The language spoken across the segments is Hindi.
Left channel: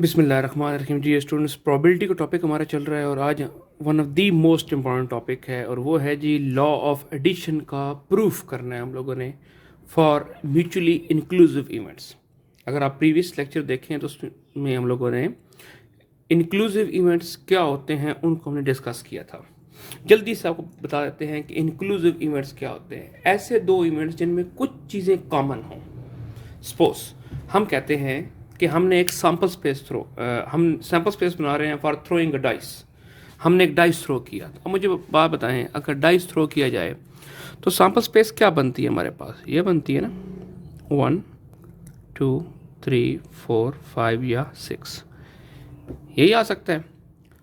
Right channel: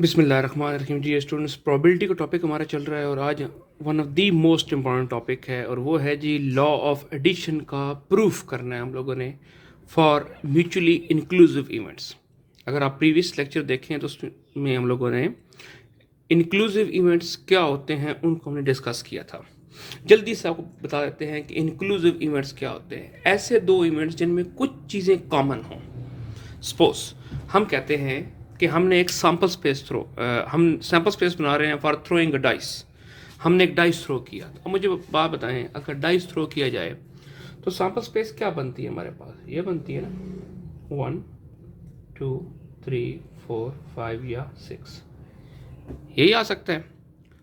बिस्मिल्लाहिर्रहमानिर्रहीम। जी स्टूडेंट्स, प्रोबेबिलिटी का टॉपिक हमारा चल रहा है और आज one of the most important topic है और वो है जी लॉ ऑफ एडिशन का प्रूफ करना है हम लोगों ने फॉर म्यूचुअली इंक्लूसिव इवेंट्स। अगर आप प्रीवियस लेक्चर देखें तो उसमें हम लोगों ने इंक्लूसिव इवेंट्स क्या होते हैं उनको हमने डिस्कस किया था। जल्दी से आपको बता देते हैं कि इंक्लूसिव इवेंट्स क्या होते हैं। ऐसे दो इवेंट्स जिनमें कुछ चीज़ें कॉमन हों। सपोज हम कहते हैं कि हमने एक सैम्पल स्पेस हम सैम्पल स्पेस बना रहे हैं फॉर थ्रोइंग अ डाइस। हमने एक डाइस थ्रो किया। अब मुझे बात बताएं, अगर डाइस थ्रो किया जाए तो सैम्पल स्पेस क्या बनती है हमारे पास? ये बनती है ना 1 2 3 4 5 या 6, यही आ सकता है।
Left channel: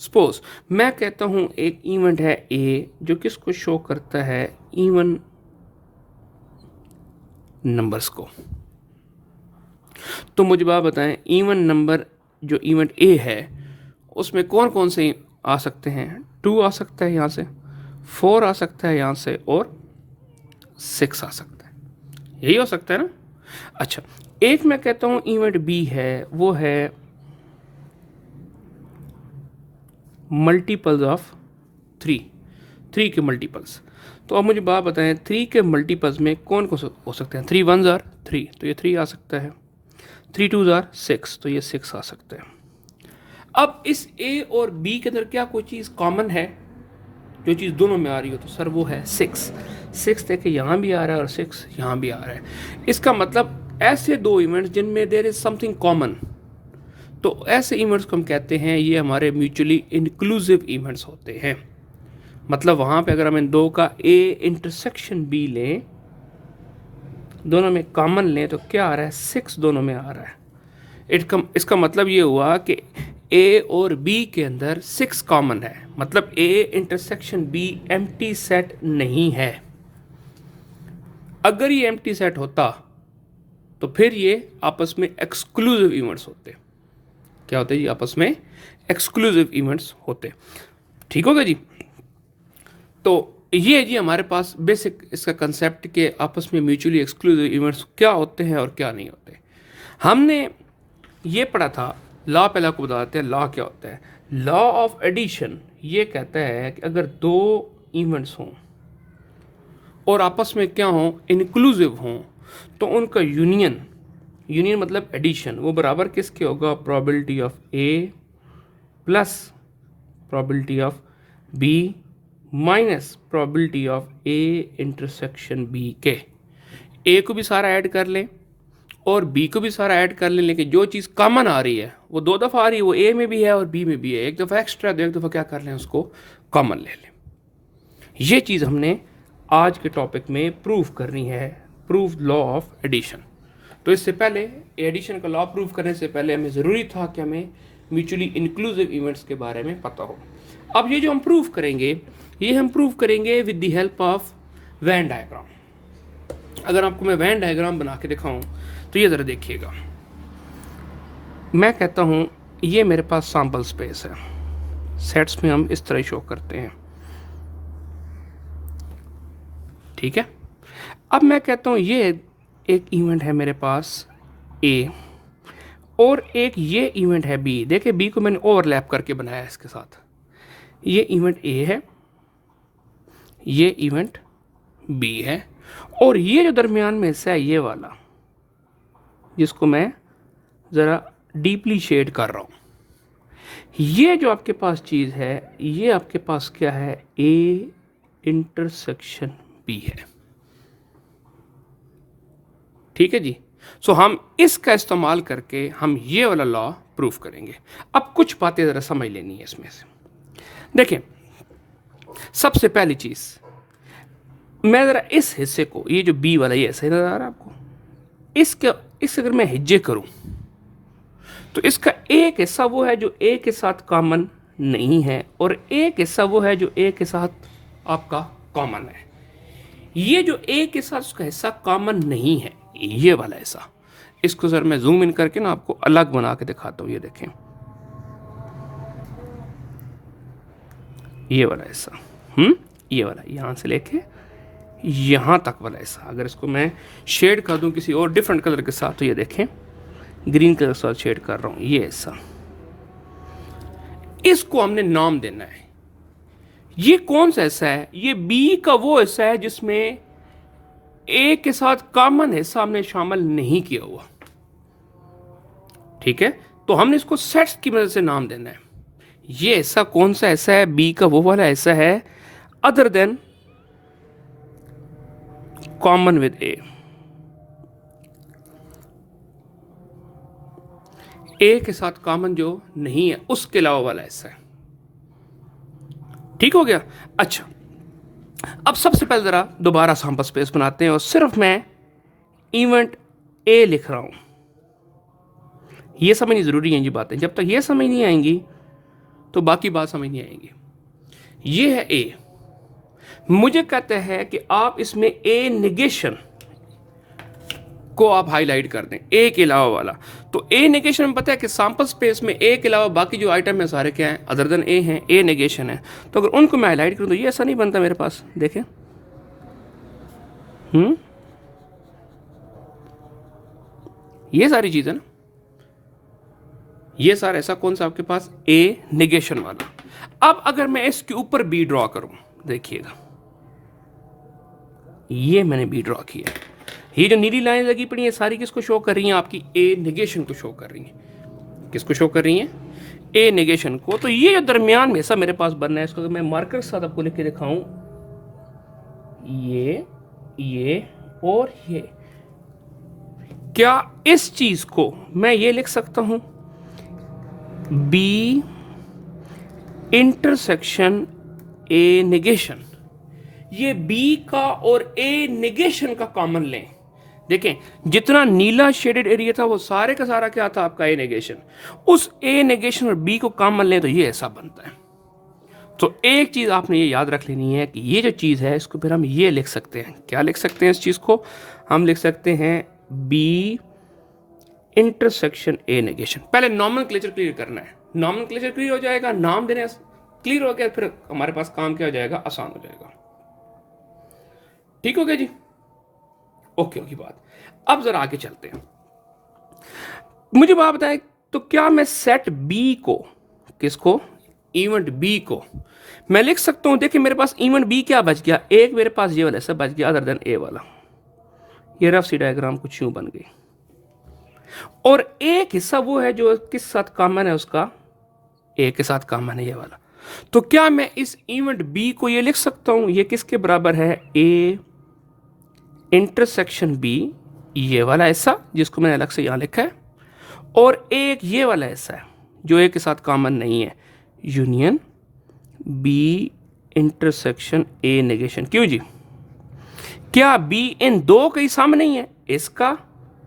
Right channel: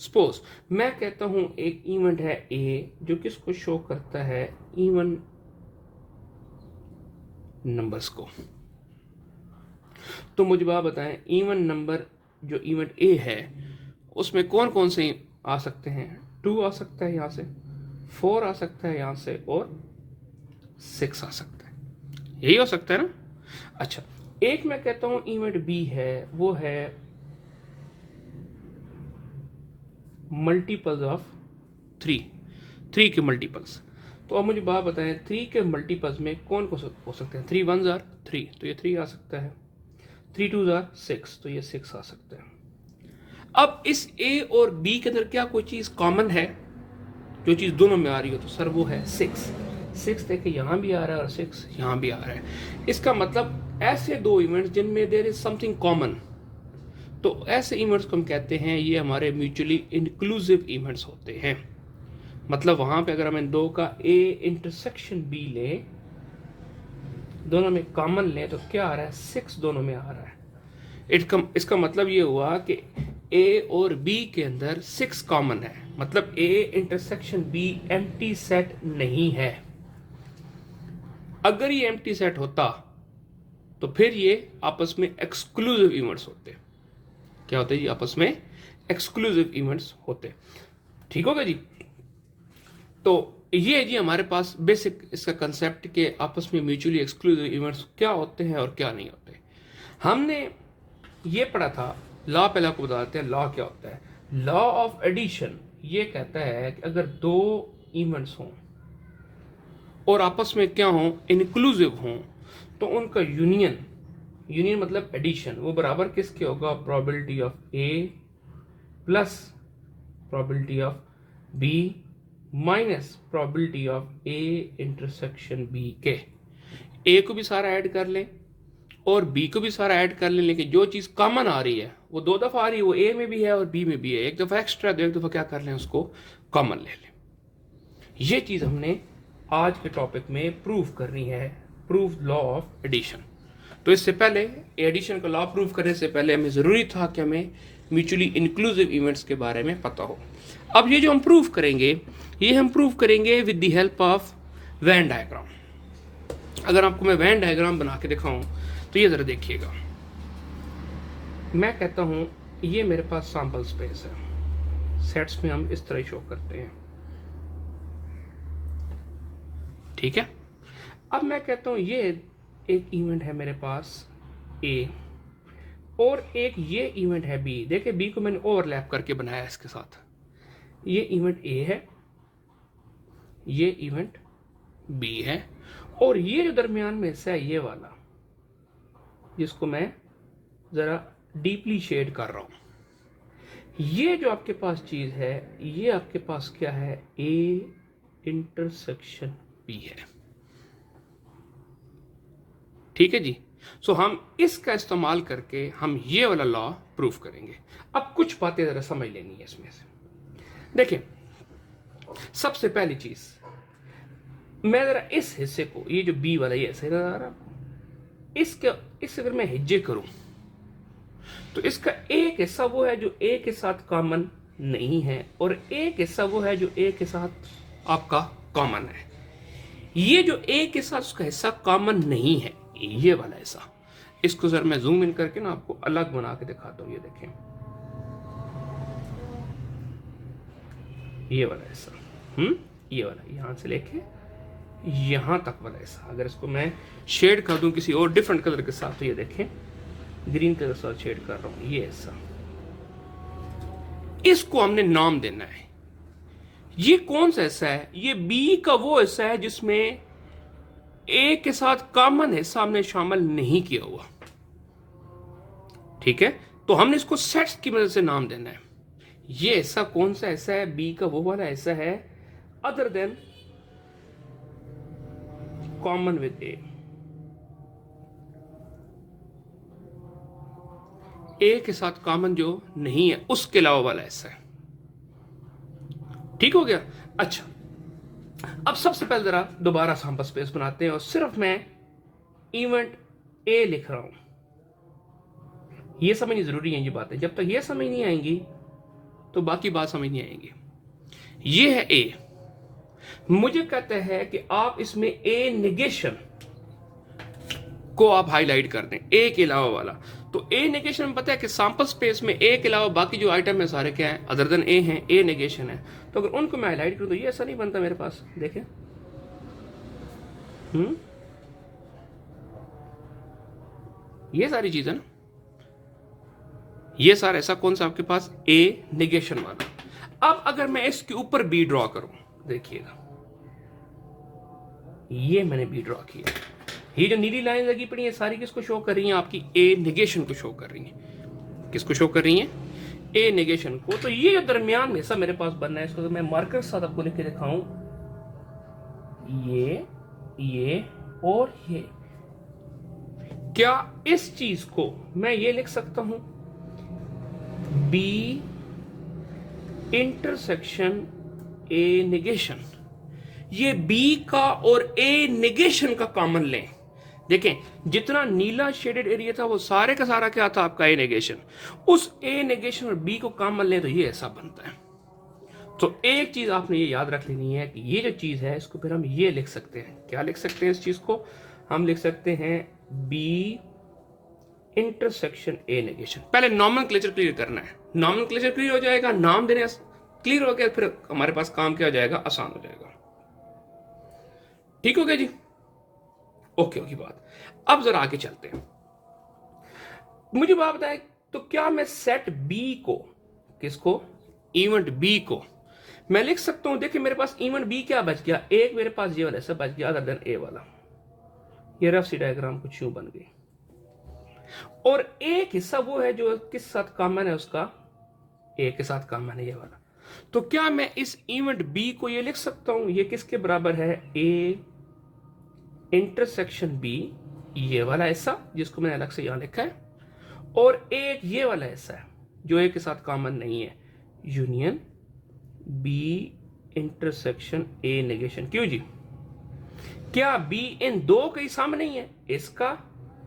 सपोज मैं कहता हूं एक इवेंट है ए जो किसको शो करता है, इवन नंबर्स को। तो मुझे बात बताएं, इवन नंबर जो इवेंट ए है उसमें कौन कौन से आ सकते हैं? 2 आ सकता है यहाँ से, 4 आ सकता है यहाँ से और 6 आ सकता है। यही हो सकता है ना। अच्छा, एक मैं कहता हूँ इवेंट बी है, वो है मल्टीपल्स ऑफ 3 के मल्टीपल्स। तो अब मुझे बात बताएं, 3 के मल्टीपल्स में कौन कौन हो सकते हैं? 3 1s आर 3, तो ये 3 आ सकता है। 3 2s आर 6, तो ये 6 आ सकता है। अब इस ए और बी के अंदर क्या कोई चीज़ कॉमन है? जो चीज़ दोनों में आ रही हो तो सर वो है 6 देखिए यहाँ भी आ रहा है और 6 यहाँ भी आ रहा है। इसका मतलब ऐसे दो इवेंट्स जिनमें देयर इज समथिंग कॉमन, तो ऐसे इवेंट्स को हम कहते हैं ये हमारे म्यूचुअली इंक्लूसिव इवेंट्स होते हैं। मतलब वहाँ पे अगर हम इन दो का ए इंटरसेक्शन बी लें, दोनों में कॉमन लें, तो क्या आ रहा है? 6 दोनों में आ रहा है। इसका मतलब ये हुआ कि ए और बी के अंदर 6 कॉमन है, मतलब ए इंटरसेक्शन बी एम्प्टी सेट नहीं है। अगर ये एम्प्टी सेट होता तो फिर ये आपस में एक्सक्लूसिव इवेंट्स होते। क्या होते जी? आपस में एक्सक्लूसिव इवेंट्स होते। ठीक होगा जी। तो ये जी हमारे पास बेसिक इसका कंसेप्ट के आपस में म्यूचुअली एक्सक्लूसिव इवेंट्स क्या होते हैं और क्या नहीं होते। हमने ये पढ़ा था लॉ, पहले आपको बताते हैं लॉ क्या होता है। लॉ ऑफ एडिशन ये कहता है कि अगर दो इवेंट्स हों और आपस में क्या हों, इंक्लूसिव हों, तो उनका यूनियन मतलब एडिशन, वो बराबर किसके होगा? Probability of A plus probability of B minus probability of A intersection B के। ए को भी सारा ऐड कर लें और बी को भी सारा ऐड कर लें, लेकिन जो चीज़ कॉमन आ रही है वो 2 दफ़ा आ रही है, वो ए में भी है और बी में भी है। एक दफ़ा एक्स्ट्रा, तो एक दफ़ा क्या कर लें, उसको कॉमन ले लें। ये चीज़ हमने आज के टॉपिक में प्रूव करनी है, प्रूव लॉ ऑफ एडिशन। तो इससे पहले एडिशन का लॉ प्रूव करने से पहले हमें ज़रूरी था कि हमें म्यूचुअली इंक्लूसिव इवेंट्स के बारे में पता हो। अब ये जो हम प्रूव करेंगे, ये हम प्रूव करेंगे with the help of Venn diagram. अगर आपको मैं वेन डायग्राम बना के दिखाऊं तो ये ज़रा देखिएगा। मैं कहता हूं ये मेरे पास सैम्पल स्पेस है, सेट्स में हम इस तरह शो करते हैं, ठीक है। अब मैं कहता हूं ये एक इवेंट है मेरे पास ए और एक ये इवेंट है बी। देखिए बी को मैंने ओवरलैप करके बनाया इसके साथ। ये इवेंट ए है, ये इवेंट बी है, और ये जो दरमियान में हिस्सा है ये वाला, जिसको मैं ज़रा डीपली शेड कर रहा हूँ, ये जो आपके पास चीज़ है ये आपके पास क्या है? ए इंटरसेक्शन बी है। ठीक है जी। सो हम इसका इस्तेमाल करके हम ये वाला लॉ प्रूफ करेंगे। अब कुछ बातें ज़रा समझ लेनी है इसमें से। देखें, सबसे पहली चीज़, मैं ज़रा इस हिस्से को, ये जो बी वाला, ये सही नज़र आ रहा है आपको? इस अगर मैं हिज्जे करूं तो इसका एक हिस्सा वो है जो ए के साथ कॉमन नहीं है और एक हिस्सा वो है जो ए के साथ आपका कॉमन है। ये जो ए के साथ उसका हिस्सा कॉमन नहीं है, ये वाला हिस्सा, इसको सर मैं जूम इन करके ना आपको अलग बना के दिखाता हूं। ये देखें, ये वाला हिस्सा, ये वाला यहां से लेके यहां तक वाला हिस्सा, अगर इसको मैं शेड कर दूं किसी और डिफरेंट कलर के साथ, तो ये देखें ग्रीन कलर के साथ शेड कर रहा हूं, ये हिस्सा इसको हमने नाम देना है। ये कौन सा हिस्सा है? ये बी का वो हिस्सा है जिसमें ए के साथ कॉमन हिस्सा हमने शामिल नहीं किया हुआ। ठीक है, तो हमने इसको सेट्स की मदद से नाम देना है। ये हिस्सा कौन सा हिस्सा है? बी का वो वाला हिस्सा है अदर देन कॉमन विद ए के साथ कॉमन जो नहीं है उसके अलावा वाला हिस्सा है। ठीक हो गया? अच्छा, अब सबसे पहले जरा दोबारा सैंपल स्पेस बनाते हैं और सिर्फ मैं इवेंट ए लिख रहा हूं। ये समझनी जरूरी है जी बातें, जब तक ये समझ नहीं आएंगी तो बाकी बात समझ नहीं आएंगी। ये है ए, मुझे कहते हैं कि आप इसमें ए नेगेशन को आप हाईलाइट कर दें, ए के अलावा वाला। तो ए नेगेशन में पता है कि सैंपल स्पेस में ए के अलावा बाकी जो आइटम है सारे क्या हैं? अदर देन ए हैं, ए नेगेशन है। तो अगर उनको मैं हाईलाइट करूं तो ये ऐसा नहीं बनता मेरे पास, देखें। ये सारी चीजें ना, ये सारा ऐसा कौन सा आपके पास? ए नेगेशन वाला। अब अगर मैं इसके ऊपर बी ड्रॉ करूं, देखिएगा ये मैंने बी ड्रॉ किया। ये जो नीली लाइन लगी पड़ी है सारी किसको शो कर रही हैं? आपकी ए नेगेशन को शो कर रही हैं। किसको शो कर रही हैं? ए नेगेशन को। तो ये जो दरमियान में ऐसा मेरे पास बनना है, इसको मैं मार्कर के साथ आपको लिख के दिखाऊं, ये और ये, क्या इस चीज को मैं ये लिख सकता हूं? B intersection A negation. ये बी का और ए नेगेशन का कॉमन लें। देखें, जितना नीला शेडेड एरिया था वो सारे का सारा क्या था? आपका ए नेगेशन। उस ए नेगेशन और बी को कॉमन लें तो ये ऐसा बनता है। तो एक चीज आपने ये याद रख लेनी है कि ये जो चीज है इसको फिर हम ये लिख सकते हैं। क्या लिख सकते हैं इस चीज को? हम लिख सकते हैं बी इंटरसेक्शन ए नेगेशन। पहले नॉमेनक्लेचर क्लियर करना है। नॉमेनक्लेचर क्लियर हो जाएगा, नाम देने क्लियर हो गया, फिर हमारे पास काम क्या हो जाएगा? आसान हो जाएगा। ठीक हो गया जी? ओके की बात। अब जरा आगे चलते हैं। मुझे बात बताएं, तो क्या मैं सेट बी को, किसको? इवेंट बी को मैं लिख सकता हूं। देखिए मेरे पास इवेंट बी क्या बच गया? एक मेरे पास ये वाला ऐसा बच गया अदर देन ए वाला। ये रफ सी डायग्राम कुछ यूं बन गई। और एक हिस्सा वो है जो किस साथ कॉमन है? उसका ए के साथ कॉमन है, ये वाला। तो क्या मैं इस इवेंट बी को ये लिख सकता हूं? ये किसके बराबर है? ए इंटरसेक्शन बी, ये वाला हिस्सा जिसको मैंने अलग से यहां लिखा है, और एक ये वाला हिस्सा है जो ए के साथ कॉमन नहीं है, union B intersection A negation. क्यों जी? क्या बी इन दो के सम नहीं है? इसका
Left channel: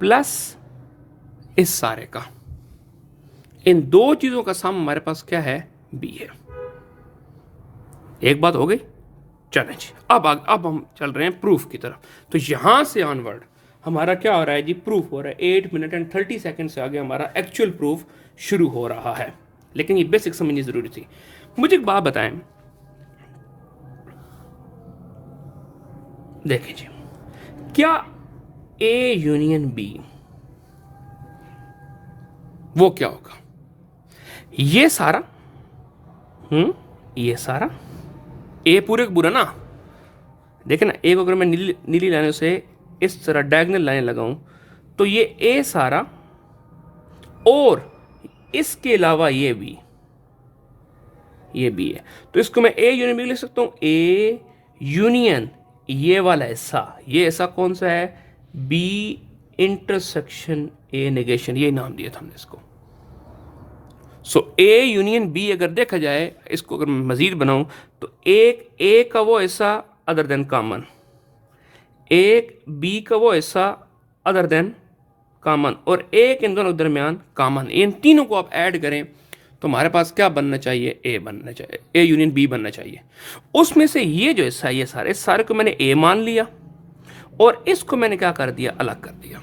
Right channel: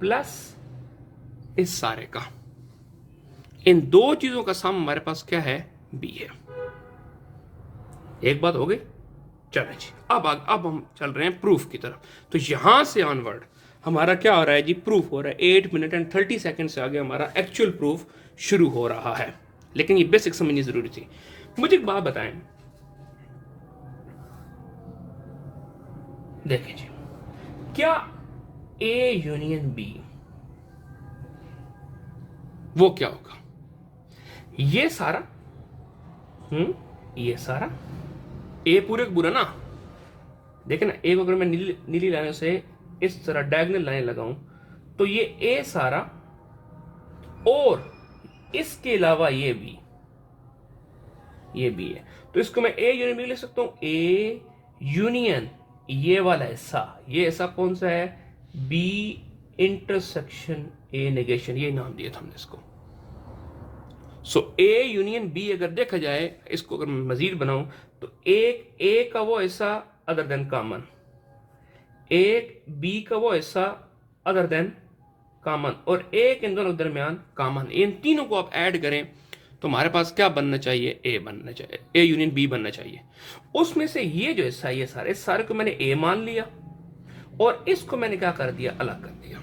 प्लस इस सारे का, इन दो चीजों का सम हमारे पास क्या है? बी है। एक बात हो गई। चलें जी, अब हम चल रहे हैं प्रूफ की तरफ। तो यहां से ऑनवर्ड हमारा क्या हो रहा है जी? प्रूफ हो रहा है। 8 मिनट एंड 30 सेकंड से आगे हमारा एक्चुअल प्रूफ शुरू हो रहा है। लेकिन ये बेसिक समझनी जरूरी थी। मुझे एक बात बताएं, देखिए जी, क्या ए यूनियन बी वो क्या होगा? ये सारा ये सारा ए पूरे पूरा ना, देखे ना, ए को अगर मैं नीली लाइनों से इस तरह डायगोनल लाइन लगाऊं तो ये ए सारा और इसके अलावा ये बी है। तो इसको मैं ए यूनियन बी लिख सकता हूं। ए यूनियन ये वाला हिस्सा, ये ऐसा कौन सा है? बी इंटरसेक्शन ए नेगेशन, ये नाम दिया था हमने इसको। सो ए यूनियन बी अगर देखा जाए, इसको अगर मैं मजीद बनाऊं तो एक ए का वो हिस्सा अदर देन कॉमन, एक बी का वो हिस्सा अदर देन कॉमन, और एक इन दोनों के दरमियान कॉमन। इन तीनों को आप ऐड करें तो हमारे पास क्या बनना चाहिए? ए बनना चाहिए, ए यूनियन बी बनना चाहिए। उसमें से ये जो हिस्सा, ये सारे को मैंने ए मान लिया और इसको मैंने क्या कर दिया? अलग कर दिया।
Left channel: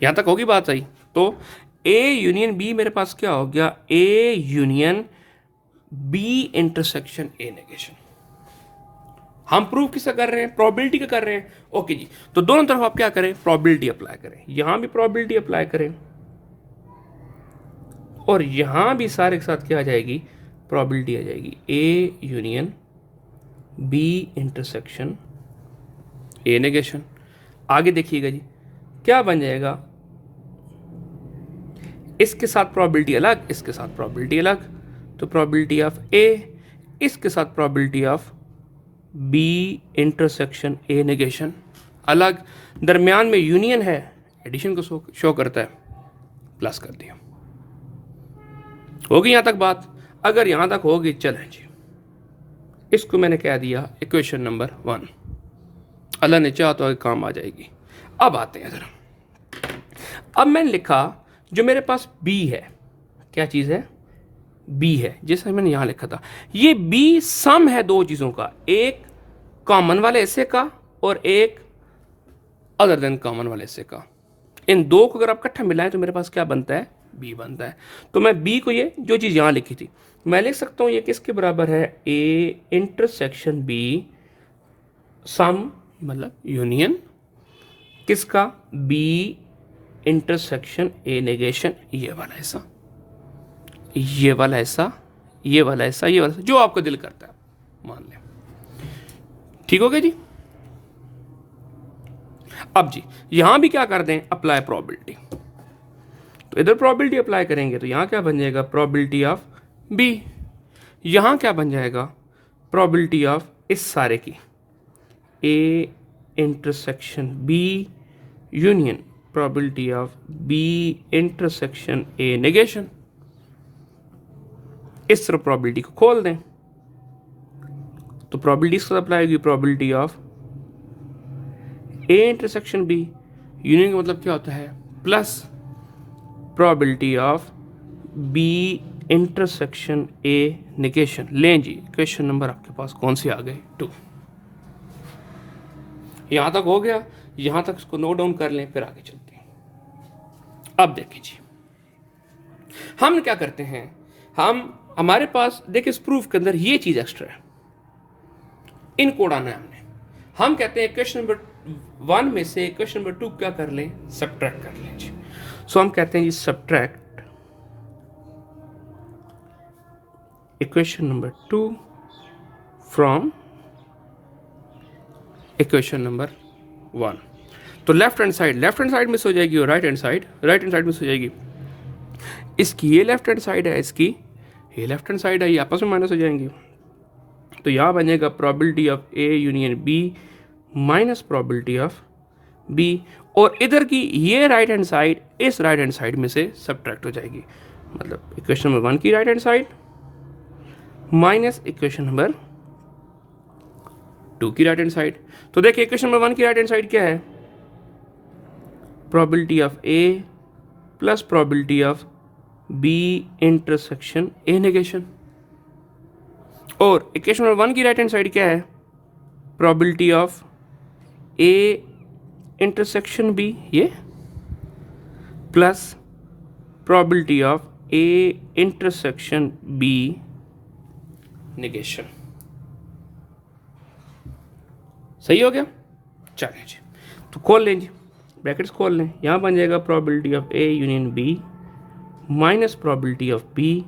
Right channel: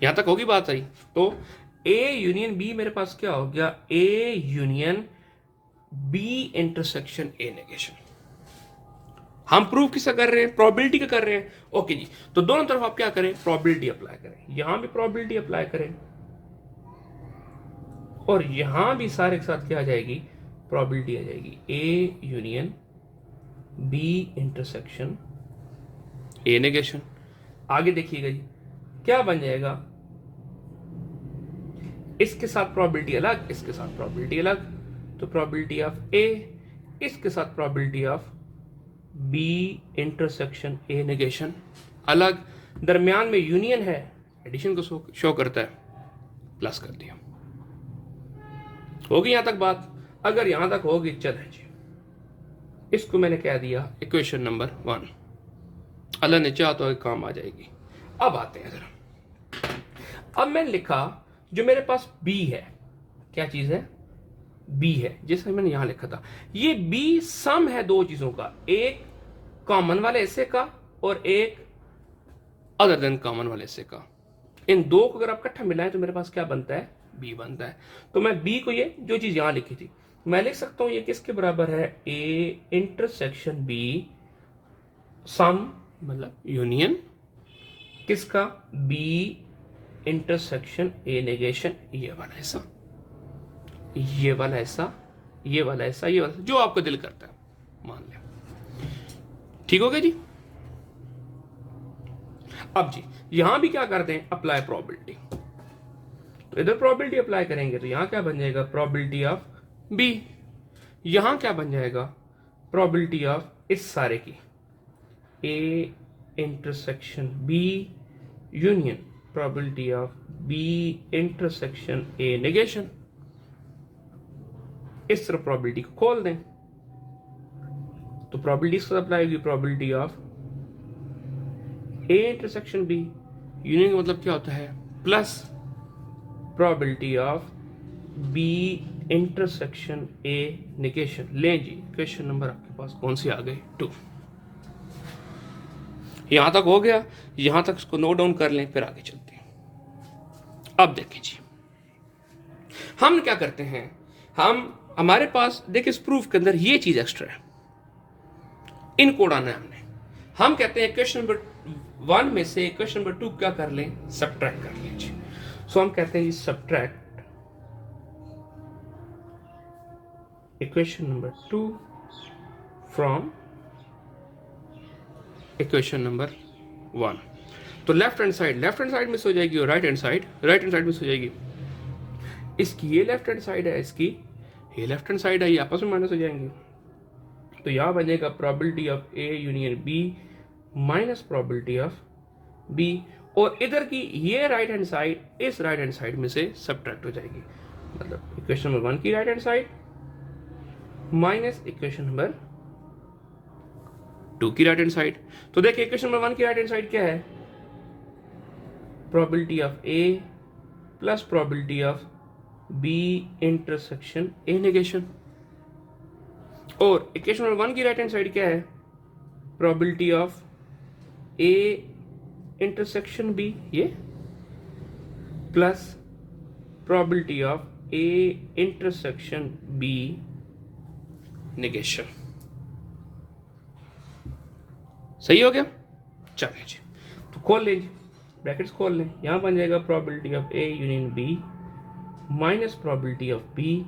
यहां तक होगी बात सही? तो ए यूनियन बी मेरे पास क्या हो गया? A union B intersection A negation. हम प्रूफ किसका कर रहे हैं? प्रोबेबिलिटी का कर रहे हैं। ओके जी, तो दोनों तरफ आप क्या करें? प्रोबेबिलिटी अप्लाई करें। यहां भी प्रोबेबिलिटी अप्लाई करें और यहां भी सारे के साथ क्या आ जाएगी, प्रोबेबिलिटी आ जाएगी, A union B intersection A negation. आगे देखिएगा जी क्या बन जाएगा, इसके साथ प्रोबेबिलिटी अलग, इसके साथ प्रोबेबिलिटी अलग, तो प्रोबेबिलिटी ऑफ ए इसके साथ probability of B intersection A negation अलग, दरमियान में यूनियन है, एडिशन को शो करता है, प्लस कर दिया। होगी यहां तक बात? अगर यहां तक होगी चलें जी, इसको मैंने कह दिया इक्वेशन नंबर 1, अल्लाह ने चाहा तो काम आ जाएगी। अब आते हैं जरा, अब मैंने लिखा जो मेरे पास b है, क्या चीज है, b है, जैसे मैंने यहां लिखा था, ये b सम है दो चीजों का, एक कॉमन वाले हिस्से का और एक अदर देन कॉमन वाले हिस्से का। इन दो को अगर आप इकट्ठा मिलाएं तो मेरे पास क्या बनता है, b बनता है। तो मैं b को, ये जो चीज यहां लिखी थी, मैं लिख सकता हूं ये किसके बराबर है, a इंटरसेक्शन b सम मतलब यूनियन किसका, b इंटरसेक्शन ए नेगेशन, ये वाला हिस्सा, ये वाला हिस्सा, ये वाला हिस्सा, ये वाला हिस्सा, जो आपको दिल करता है मान लिया। ठीक हो गया जी। अब जी यहां भी क्या कर दें, अप्लाई प्रोबेबिलिटी, तो इधर प्रोबेबिलिटी अप्लाई करेंगे तो यहां क्या बन जाएगा, प्रोबेबिलिटी ऑफ बी, यहां क्या बन जाएगा, प्रोबेबिलिटी ऑफ इस सारे की, A intersection B union probability of B intersection A negation. इस तरह प्रोबेबिलिटी को खोल दें तो प्रोबेबिलिटी इसको अप्लाई होगी, probability of A intersection B union का मतलब क्या होता है, plus probability of B intersection A negation. लें जी क्वेश्चन नंबर आपके पास कौन सी आ गई, 2। यहां तक हो गया, यहां तक इसको नोट डाउन कर लें, फिर आगे चलते हैं। अब देखिए जी हम क्या करते हैं, हमारे पास देखिए इस प्रूफ के अंदर ये चीज एक्स्ट्रा है, इनको उड़ाना है हमने। हम कहते हैं क्वेश्चन नंबर 1 में से क्वेश्चन नंबर 2 क्या कर लें, सब्ट्रैक्ट कर लें जी। सो हम कहते हैं जी subtract equation number 2 from equation number 1। तो लेफ्ट हैंड साइड मिस हो जाएगी और राइट हैंड साइड मिस हो जाएगी। इसकी ये लेफ्ट हैंड साइड है, इसकी ये लेफ्ट हैंड साइड है, ये आपस में माइनस हो जाएंगी। तो यहां बनेगा probability of A union B minus probability of B, और इधर की ये राइट हैंड साइड इस राइट हैंड साइड में से सब्ट्रैक्ट हो जाएगी, मतलब इक्वेशन नंबर 1 की right hand side minus equation number 2 की राइट हैंड साइड। तो देखिए इक्वेशन नंबर 1 की राइट हैंड साइड क्या है, probability of A plus probability of B intersection A negation, और इक्वेशन नंबर 1 की राइट हैंड साइड क्या है, probability of A intersection B ये plus probability of A intersection B negation. सही हो गया, चलिए जी तो खोल लें जी, ब्रैकेट्स खोल लें, यहां बन जाएगा probability of A union B minus probability of B.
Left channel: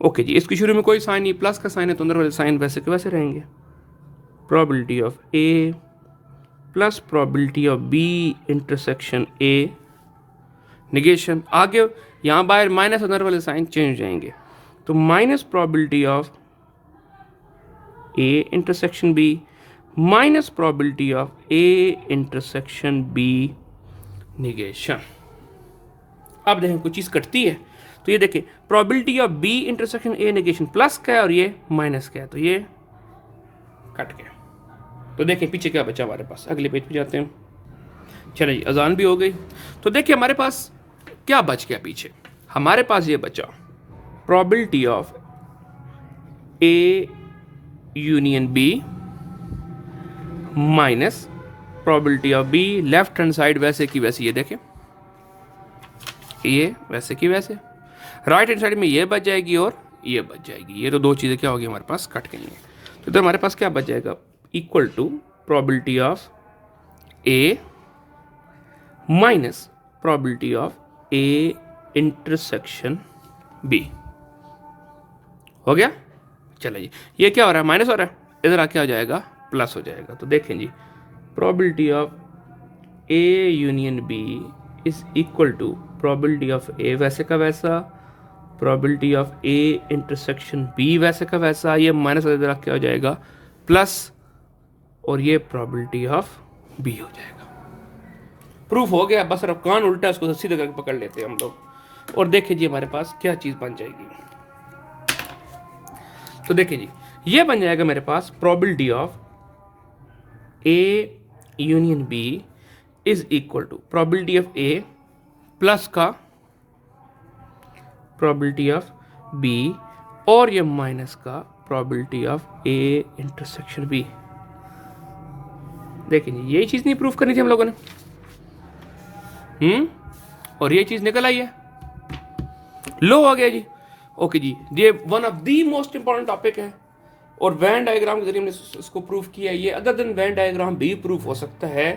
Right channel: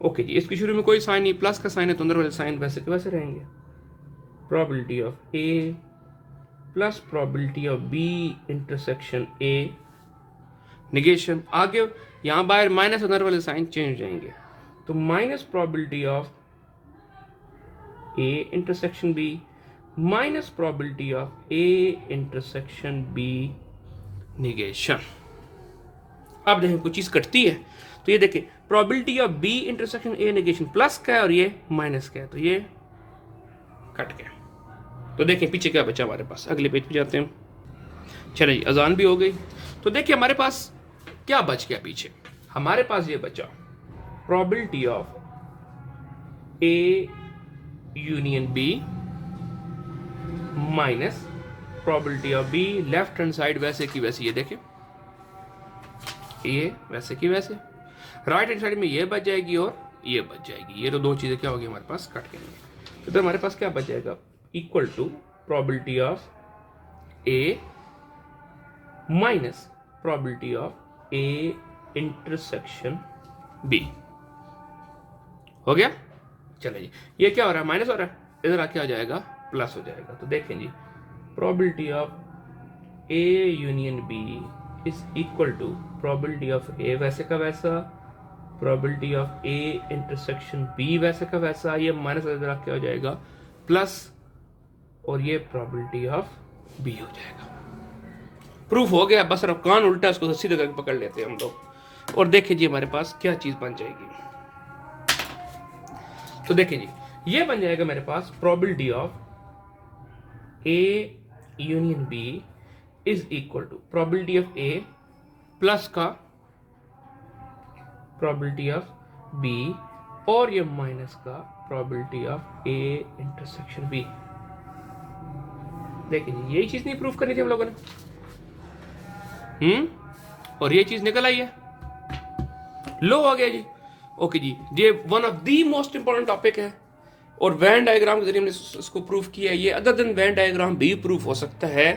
Okay जी, इसके शुरू में कोई साइन नहीं, प्लस का साइन है तो अंदर वाले साइन वैसे के वैसे रहेंगे, probability of A plus probability of B intersection A negation. आगे यहां बाहर माइनस, अंदर वाले साइन चेंज हो जाएंगे, तो minus probability of A intersection B minus probability of A intersection B negation. अब देखें कुछ चीज कटती है, तो ये देखिए probability of B intersection A negation plus का है और ये माइनस का है, तो ये कट गया। तो देखिए पीछे क्या बचा हमारे पास, अगले पेज पे जाते हैं। चलिए अजान भी हो गई, तो देखिए हमारे पास क्या बच गया पीछे, हमारे पास ये बचा probability of A union B minus probability of B, left hand side वैसे की वैसे, ये देखें ये वैसे की वैसे, राइट हैंड साइड में ये बच जाएगी और ये बच जाएगी, ये तो दो चीज़ें क्या होगी हमारे पास कट गई हैं। तो इधर हमारे पास क्या बच जाएगा, equal to probability of A minus probability of A intersection B. हो गया? चलो जी, ये क्या हो रहा है, माइनस हो रहा है, इधर आके आ जाएगा प्लस हो जाएगा। तो देखें जी, probability of A union B is equal to probability of A वैसे का वैसा, probability of A intersection B वैसे का वैसा, ये माइनस इधर आके आ जाएगा प्लस, और ये प्रोबेबिलिटी ऑफ बी हो जाएगा। प्रूफ हो गया, बस अब कान उल्टा है, उसको सीधे करके पकड़ लेते हैं हम लोग, और देखें जी हमारे पास क्या चीज़ बन जाएगी। तो देखें जी, ये बन जाएगा मेरे पास probability of A union B is equal to probability of A plus का प्रोबेबिलिटी ऑफ बी, और ये माइनस का probability of A intersection B. देखें जी, यही चीज़ नहीं प्रूफ करनी थी हम लोगों ने, और ये चीज़ निकल आई है, लो हो गया जी। ओके जी, ये one of the most important topic है, और वैन डायग्राम के जरिए हमने इसको प्रूफ किया है। ये अदर देन वैन डायग्राम भी प्रूफ हो सकता है,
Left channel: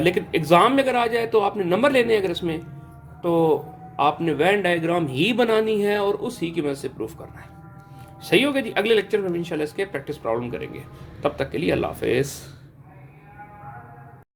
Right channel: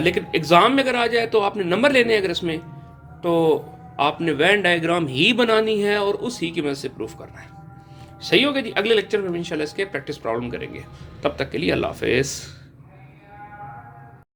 लेकिन एग्जाम में अगर आ जाए तो आपने नंबर लेने हैं, अगर इसमें तो आपने वैन डायग्राम ही बनानी है और उसी की मदद से प्रूफ करना है। सही हो गया जी। अगले लेक्चर में इंशाल्लाह इसके प्रैक्टिस प्रॉब्लम करेंगे। तब तक के लिए अल्लाह हाफिज़।